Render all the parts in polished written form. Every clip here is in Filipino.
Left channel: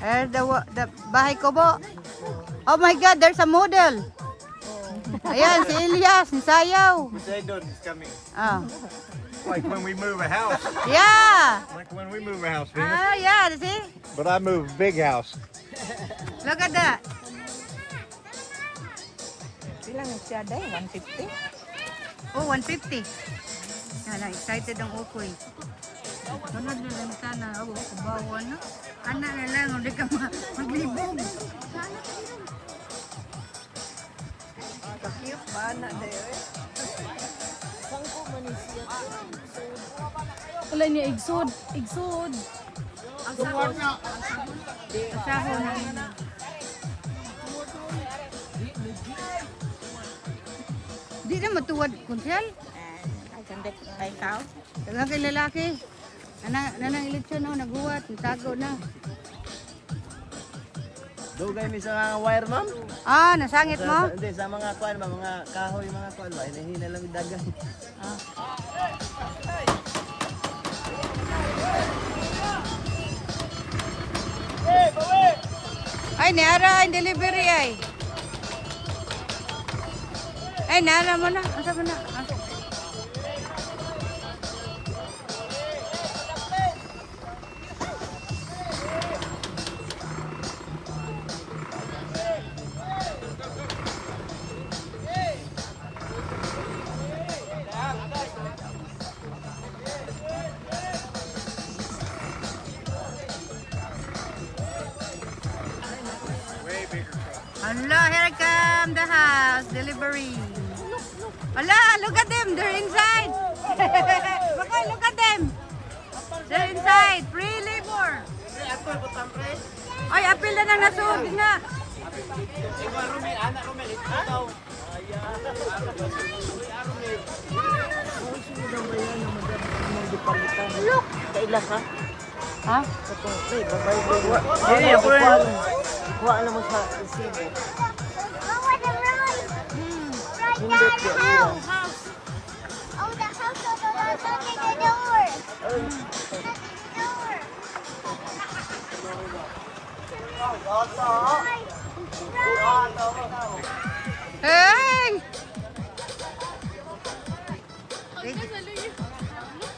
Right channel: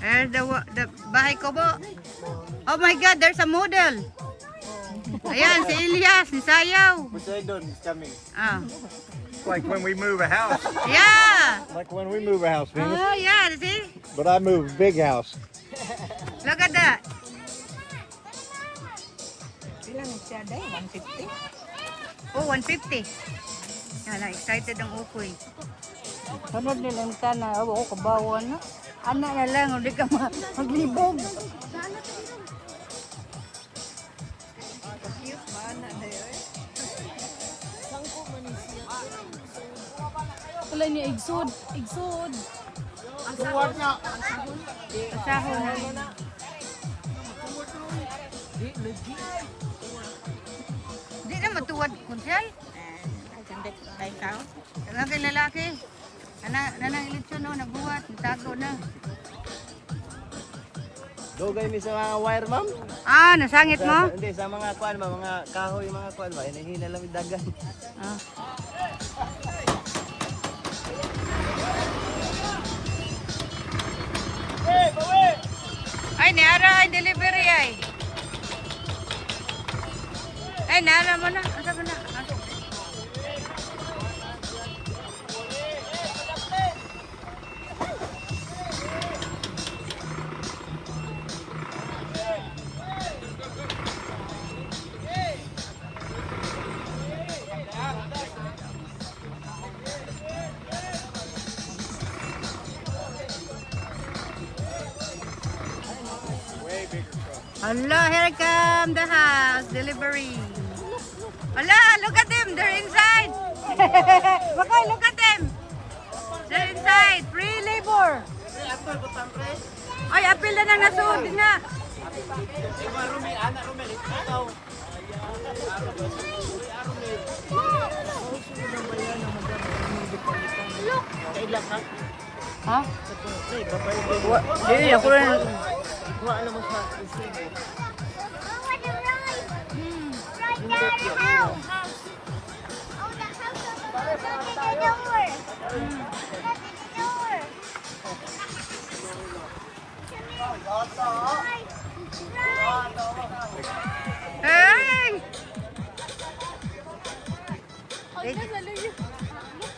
The bahay ko po. Oh my God, there's a model. Ayan, si Elias, si Sayaw. Poseidon is coming. Ah. Like when we move a house. Yeah. Like when we move a house. Venus. Ah, yeah, see? But I move a big house. Look at that. Ilang siya day? 150? Oh, 150. Yan, excited ang ukoy. Sunod nilang sana. Oh, kabawan na. Anak na lang, hindi ka maglibog. Mana dayo eh. Wala niya, igsod. Igsod. Asaho na yun. Di na matuwad kunsay. I can take my house. Lagi lalaki. Nanang eleksyon no, nagbuhat, natago na. Dugay mi sa mga wire ma'am? Ah, nasangit mo? Hindi, sa mga kuan, mga kahoy, mga kuan ba? Hindi na lang dagan. Ah. Ay, niara ang delivery ay. Ay, niara mo na. Asa mo na? Asa? Allah, here come the house delivery. Allah, look at them, they're inside. Bakay, look at them. They're inside, free labor. Ay, apil na nang nasud nga. Ha? Hindi, ako rin. Wala mo sa resibo. Hey!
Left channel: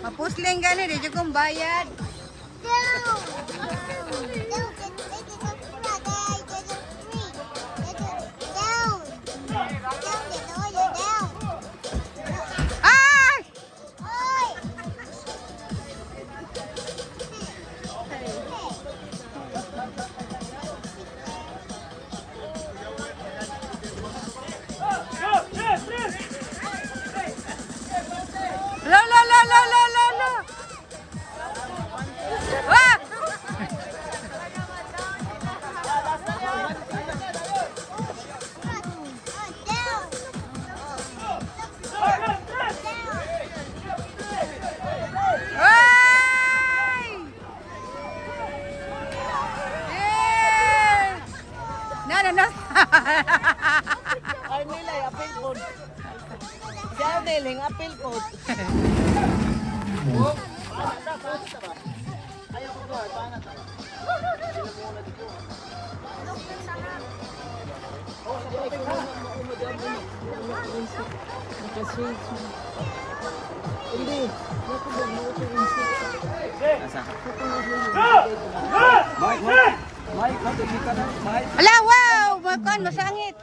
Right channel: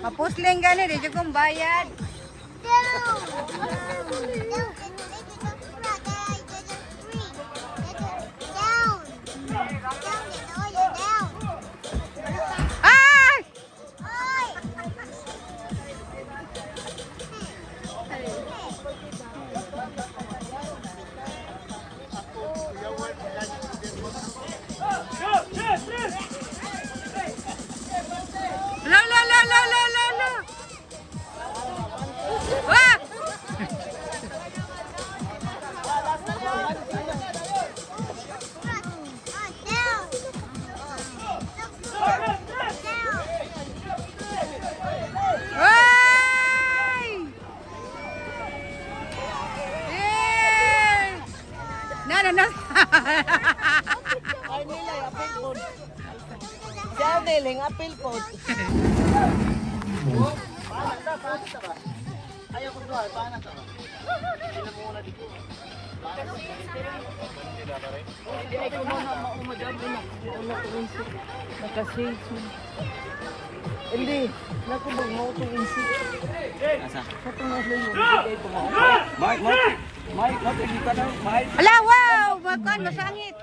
Mapusling gani, di kong bayad. Ay! La la la la la la la. Ah! Ay! Eh! Na. Ay nila, apil po. Siya niling, apil po. Ayaw ko doon, paano ito? Sila muna dito. Hindi, nakubag mo ito insik. Asa? Mike, hindi ka na. Mike, Ala, wow! Makan, masangit.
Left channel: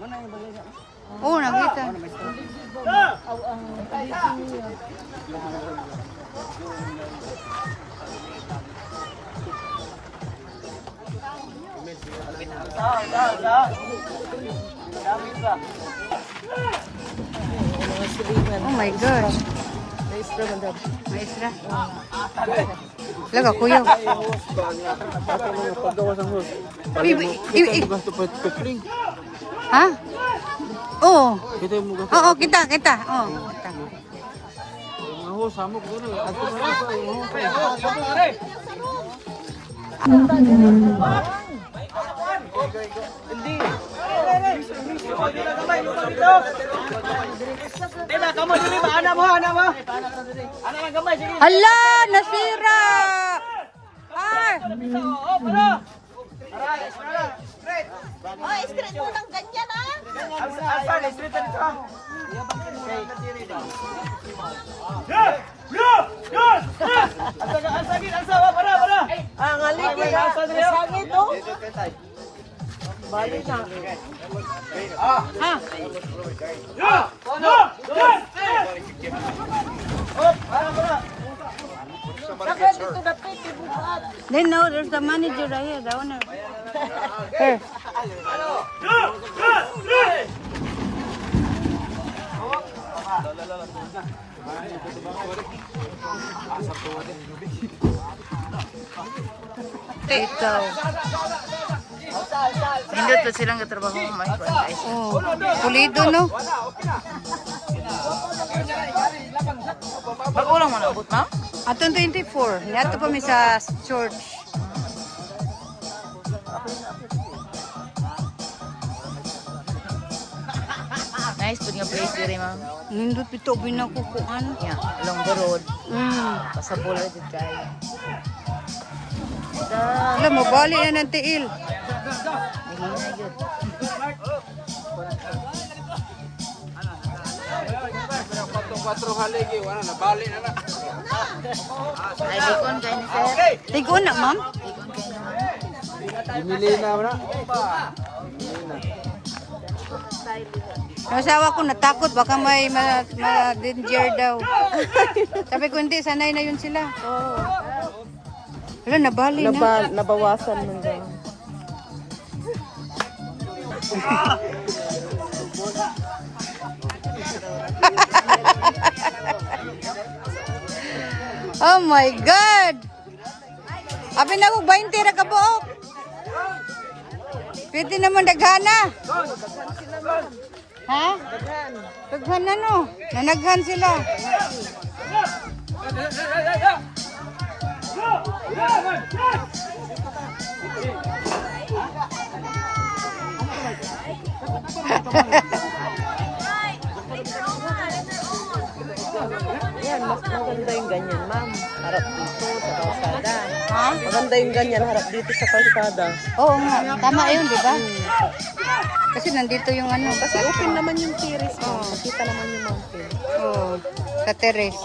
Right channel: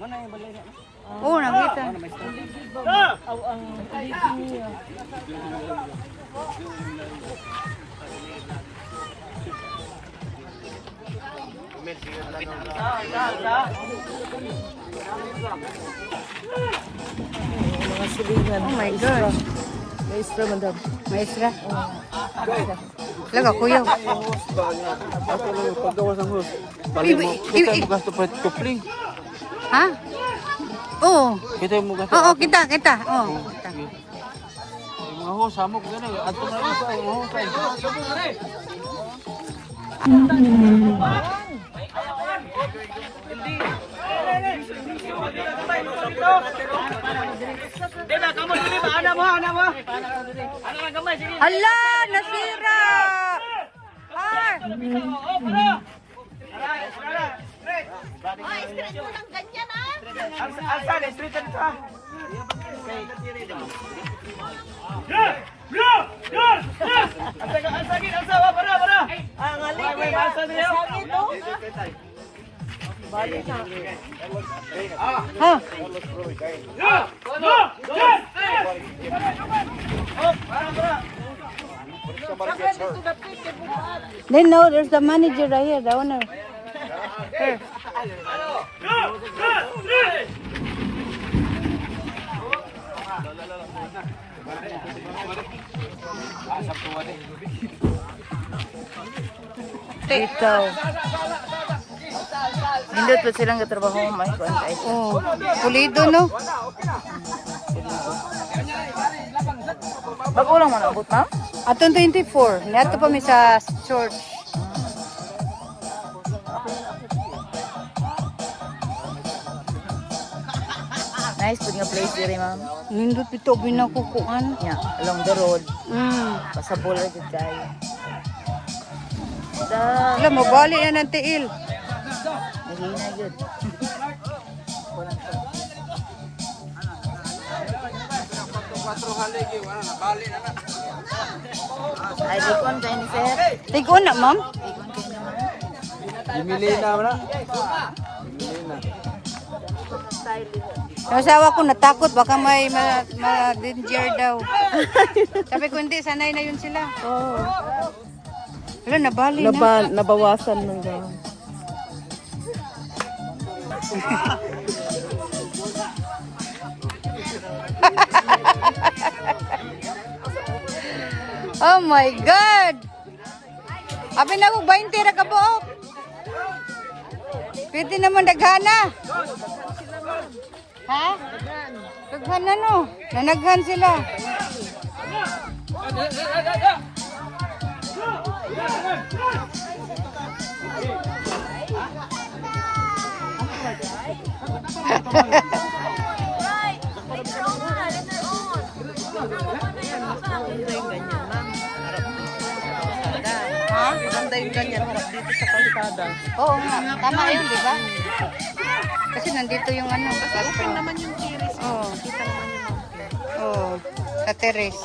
mana yung balay na? Oh, nakita. Aw, ang alipin niya. Oh my God. Maestro man dad. Maestra. Laga, kuyo. Ha? Oo. Kita mo ka. Oo, kita. Oo, kita. Ako samok gani. Adto na sa iyo kay. Hindi. Dila kamu dili ba ana mo? Ana lang gamay sige. Hala, nasira. Ay, more. Ha? Then no, there's the manager right here, the owner. Here. Ikaw. Hindi pa silang katrabaho may Oh, pulido no? Mag-ulang mo na abot na? Atong 24. Niato pa mi sa church. Nice to yung place diri ma'am. Nindot pito binakukuan. Yeah, along the road. Sa pula dito tayo. Alam mo, bali na ng tiil. Naging good. Ay, gikon kayo ni sir. Tigo na, ma'am. Bimili na una. Yung asawa ko natakot, baka may ma-danger daw. Sabi ko, hindi, sanay na yun sila. Wala, nabali na. Nabawasan mo din. Oh my God! Abi na ko, 20 ra ka buok. Pwede naman daghana. Ha? Daghan na no. Nanaghan sila. Maganda yung ganyan, ma'am. Harap dito sa kalsada. Ha? Maganda yung ganyan, harap dito sa kalsada. Oo nga. Tama yun, di ba? Kasi nandito yung ano. Kasi open naman yung terrace. Oo. Makita naman yung mountain. Oo. Sa terrace.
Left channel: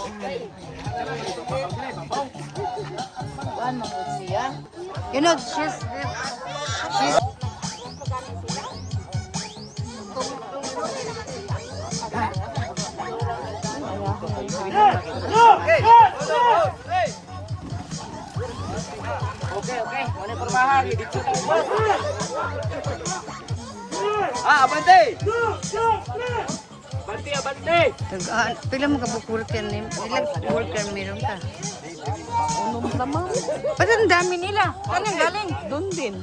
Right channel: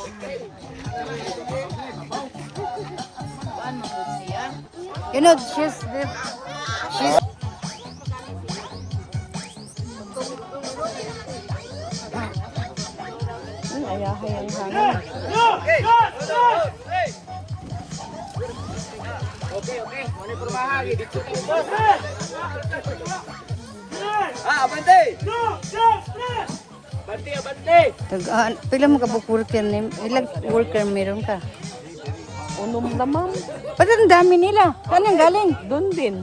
You know, she's pila mo ka worker ni ilang worker meron ka? Ano mo naman? Ba't ang dami nila? Saan ang galing? Doon din.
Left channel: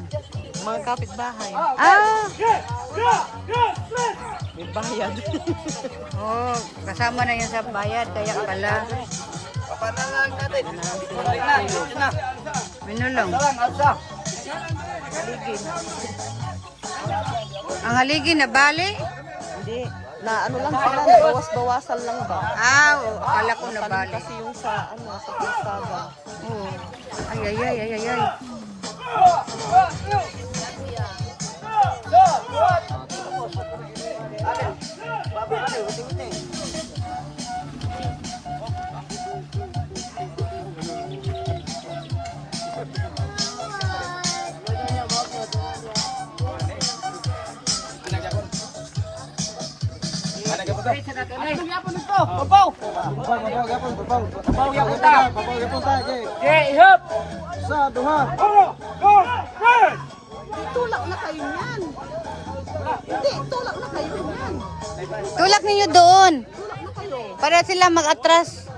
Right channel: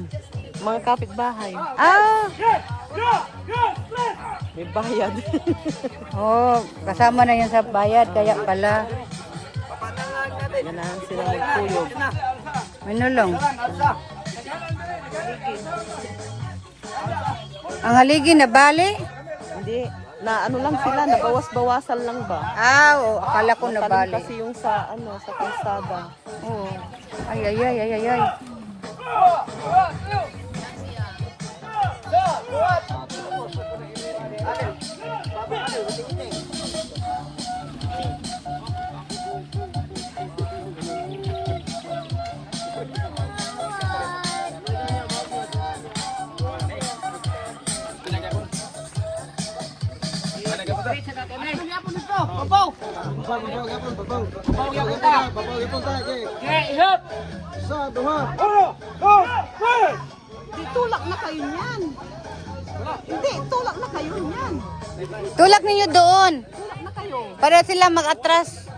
Mga kapitbahay. Ah! May bayad. Oh, kasama na yan sa bayad, kaya pala. Ganahan sila magtulog. Minulong. Ang haligi na bali? Hindi. Na ano lang sila, nabawas-bawasan lang ba? Ah, oh, akala ko na bali. Kasi yung sa, ano, sa kalsada. Oh. Ay, ay, ay, ay, ay, ay. Tulak ninyo doon. Para sila mag-atras.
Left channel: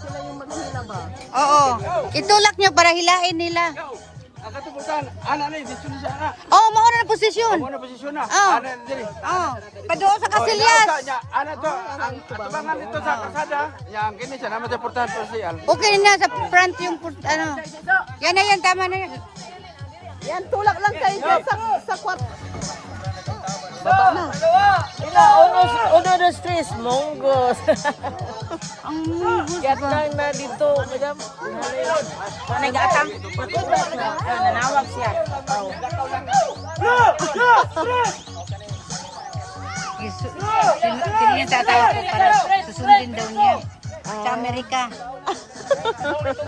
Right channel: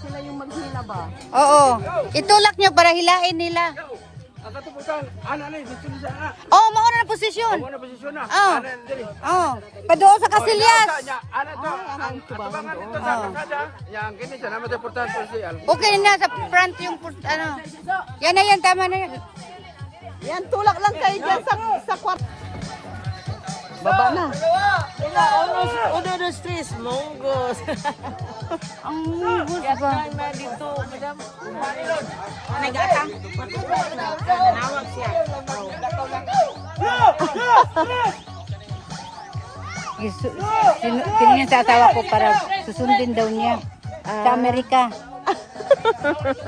Sila yung maghila ba? Oo. Itulak nyo para hilain nila. Oo, mauna na posisyon. Oo. Oo. Padoon sa kasilyas. Okay na sa front yung ano. Yan na yan, tama na yan. Yan, tulak lang kayo dyan sa kwarto. Tres monggos. Ang munggos ba? Gatang na dito, madam. Nag-atang. Nanawag siya. Tingin sa asawa ko para susundin daw niya sa Amerika.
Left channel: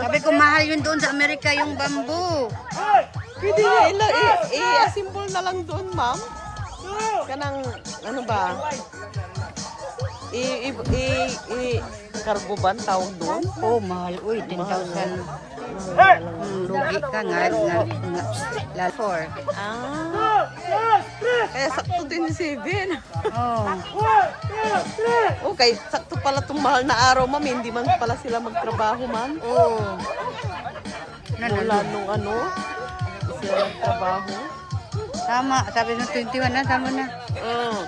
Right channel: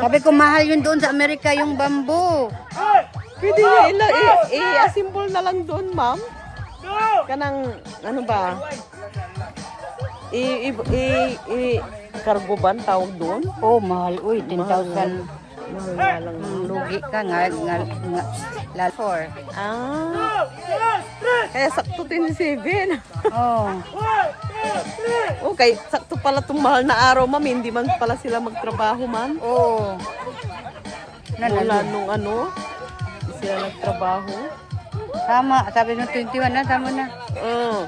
Sabi ko mahal yun doon sa Amerika yung bamboo. Pwede i-assemble na lang doon, ma'am. Kanang, ano ba? Cargo ban tawag doon? Oh, mahal. Uy, 10,000. Lugi ka nga. Lalfor. Kaya sakto 27. Oh. Okay, sakto pala itong mahal na araw, ma'am. Hindi man pala sila magtrabaho, ma'am. Oh. Wala Nanalo. nung ano, sila magtrabaho. Tama. Sabi nung 21 na, tama na. Oo.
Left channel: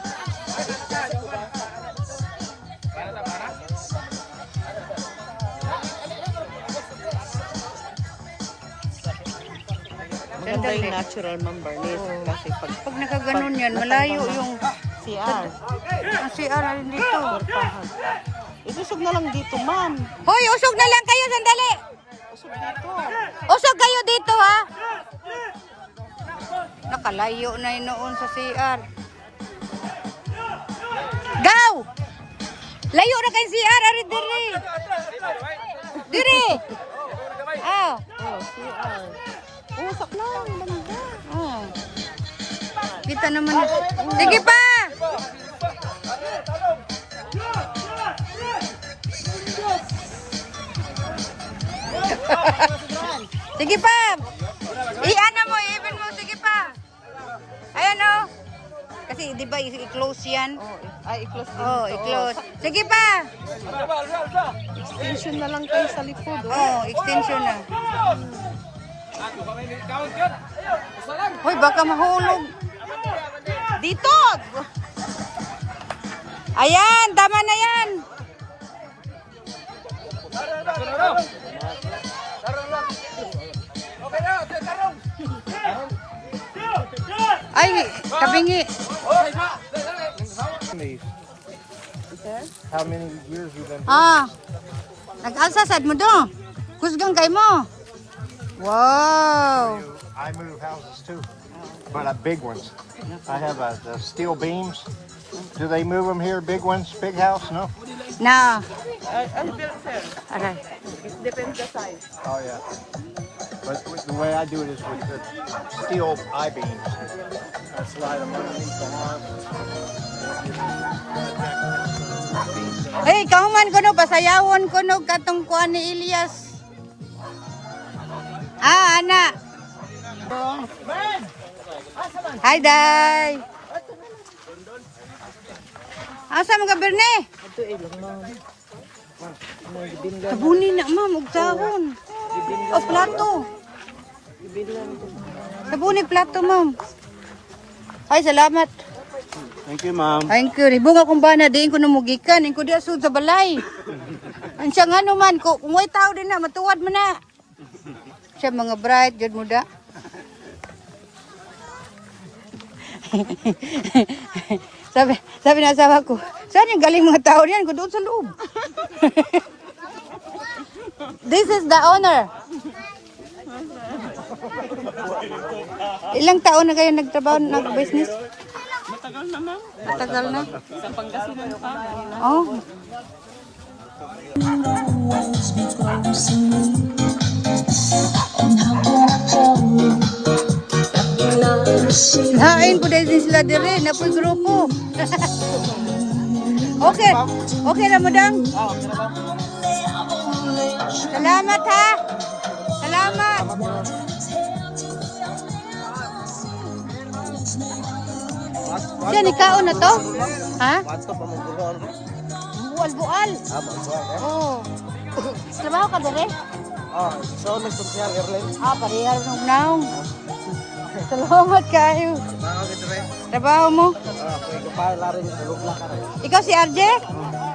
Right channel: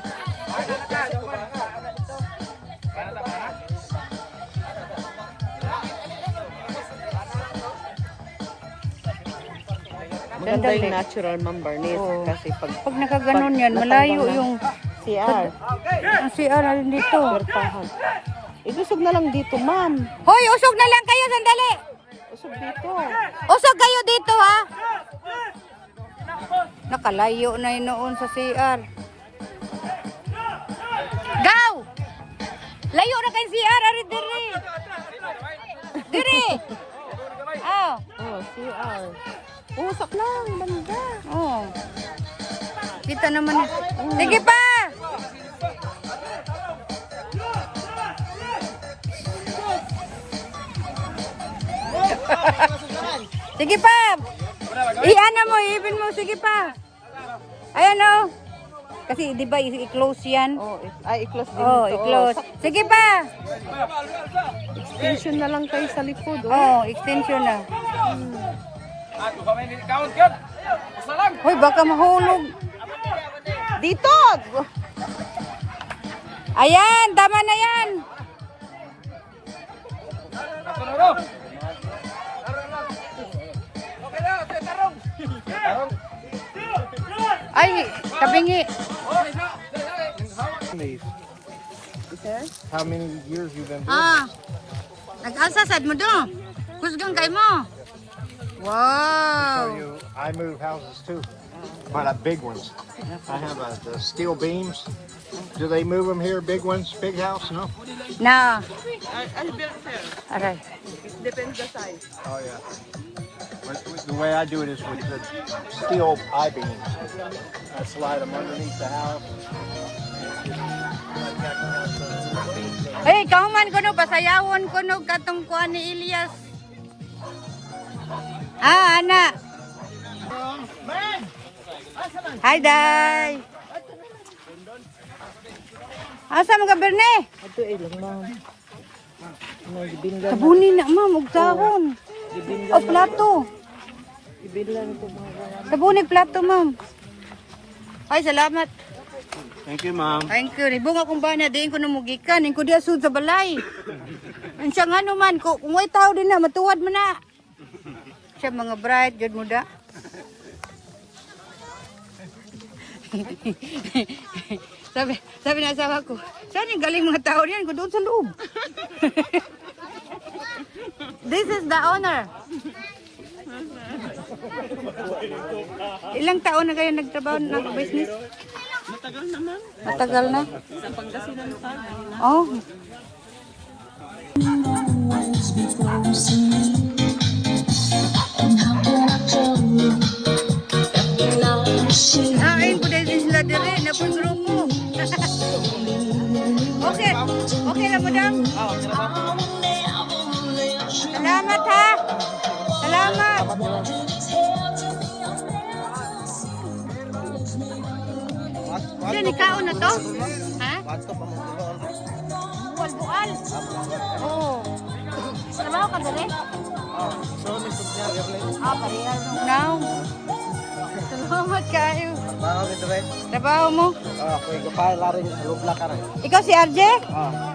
Ganda yung natural, ma'am, Barnes. Oo. Kasi Pag nakaganon yan, malayo yung CR. ang CR rin dito. Itusog na lang dito, ma'am. Hoy, usog na lang kayo, sandali. Usog dito. Usog kayo dito, ha? Nakalayo na yun noon sa CR. Gaw! Layo na kay CR, ari diri. Diri. Oh. Usap lang, ganda. Oh. Kita naman yun. Sige pa! Sige pa! I-ano mo, i-even mo, sige pa. Ayan o. Kasi di ba i-close yan? Ay, i-close din. Oh, i-close. Sige pa! Extension na lang kayo sa likod. Oh, extension na. Hoy, baka mahulog. Dito! Ayan, tama na yan. Ay, kabingi. How many years you been? Ah, nag-alsa sad mo do. Kusgang kay mo. Wow. I move houses too, but big ones. I have the steel beams. Do they move them here? Big ones, big house? No. Na. I'll build them. Aray. It depends the size. Oh yeah. But the way I do it is with the steel I-beams. I slide them underneath the house. Hey, kauman ko no, pasayawon ko no, katong kuan ni Elias. Ah, ana. Hi, Day. Asa mga Berne? Sabuni na, ma'am, og sahon. O, plato. Sabuni, plato, ma'am. Ay, salamat. Thank you, Mom. Thank you. Ribong akong bana, diin ko namugikan. Diin ko di asud sa balay. Ang siya nga naman, kung may tao din na, matuwad mo na. Siya mga bright, jud mo da. sabi na asawa ko, saan yung galing mga tao niyan? Ko doon sa loob. This is the owner. Ilang taon na kayo nagtrabaho, nag-business? Matagal naman. Matagal na? Sa Pangasinan pa. Oh. Hain po dahil din sila diri, na po yung grupo. Okay, okay na mo dang? Salamat ha. Salamat. Diyan, ikaw na to? Ha? Bual-bual. Oo. Trabaho ka dere? So, nagsunsiyar, Erlen. Parehar nung now. Salamat kayo. Trabaho kita rin. Trabaho mo? Okay, kapag laring lubla ka rin. Ikaw si RJ?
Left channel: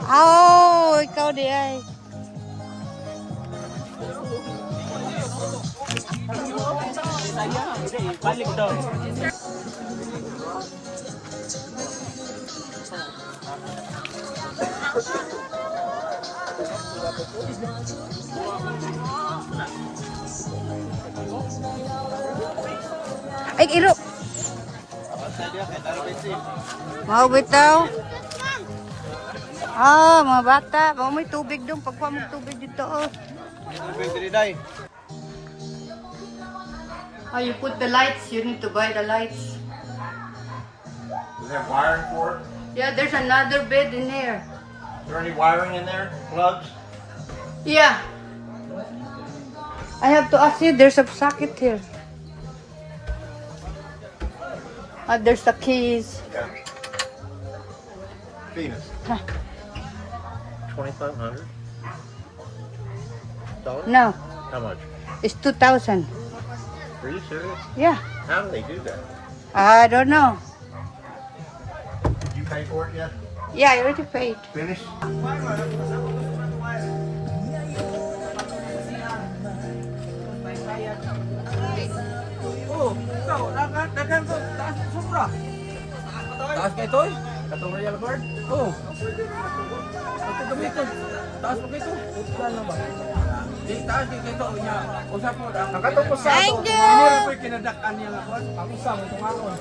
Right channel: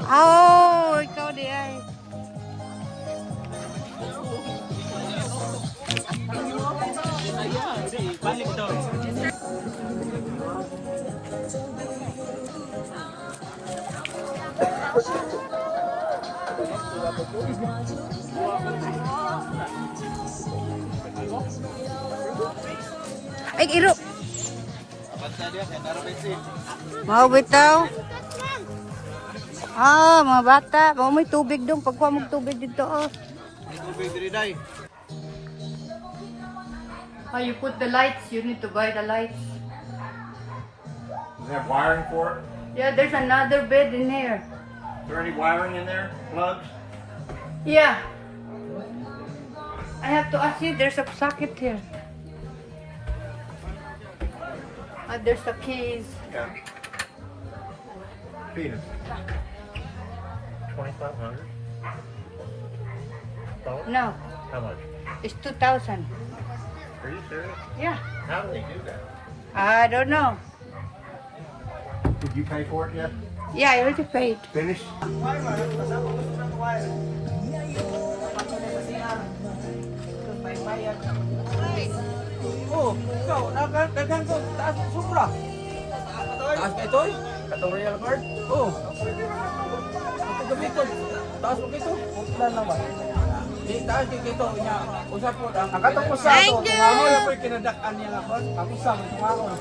Oh, ikaw di ay. Balik daw. Ay, iro. Basta dia kaya naroon bensin. Mau bitaw. Ah, mga bata. Mau may tubig dong. Pagkuha mo tubig dito. Oh. May tubig diri day. Oh, you put the lights. You need to buy the lights. Does it have wiring for it? Yeah, there's another bed in here. Is there any wiring in there? Plugs? Yeah. I have to ask you. There's a socket here. There's the keys. Venus. Huh. 2,500. No, How much? it's 2,000. Are you serious? Yeah. How do they do that? I don't know. Did you pay for it yet? Yeah, I already paid. Finished? Oh, ikaw, dagan ko, taas sobra. Taas kay Toy? Katong real bird? Oo. Ito gamiton. Taas mo kito. Putan lang ba? Di taas kay kito niya. Usap po. Ang katong usa. Thank you. Ano yung kinadak-an niya nga po? Ang isa mo tumaron.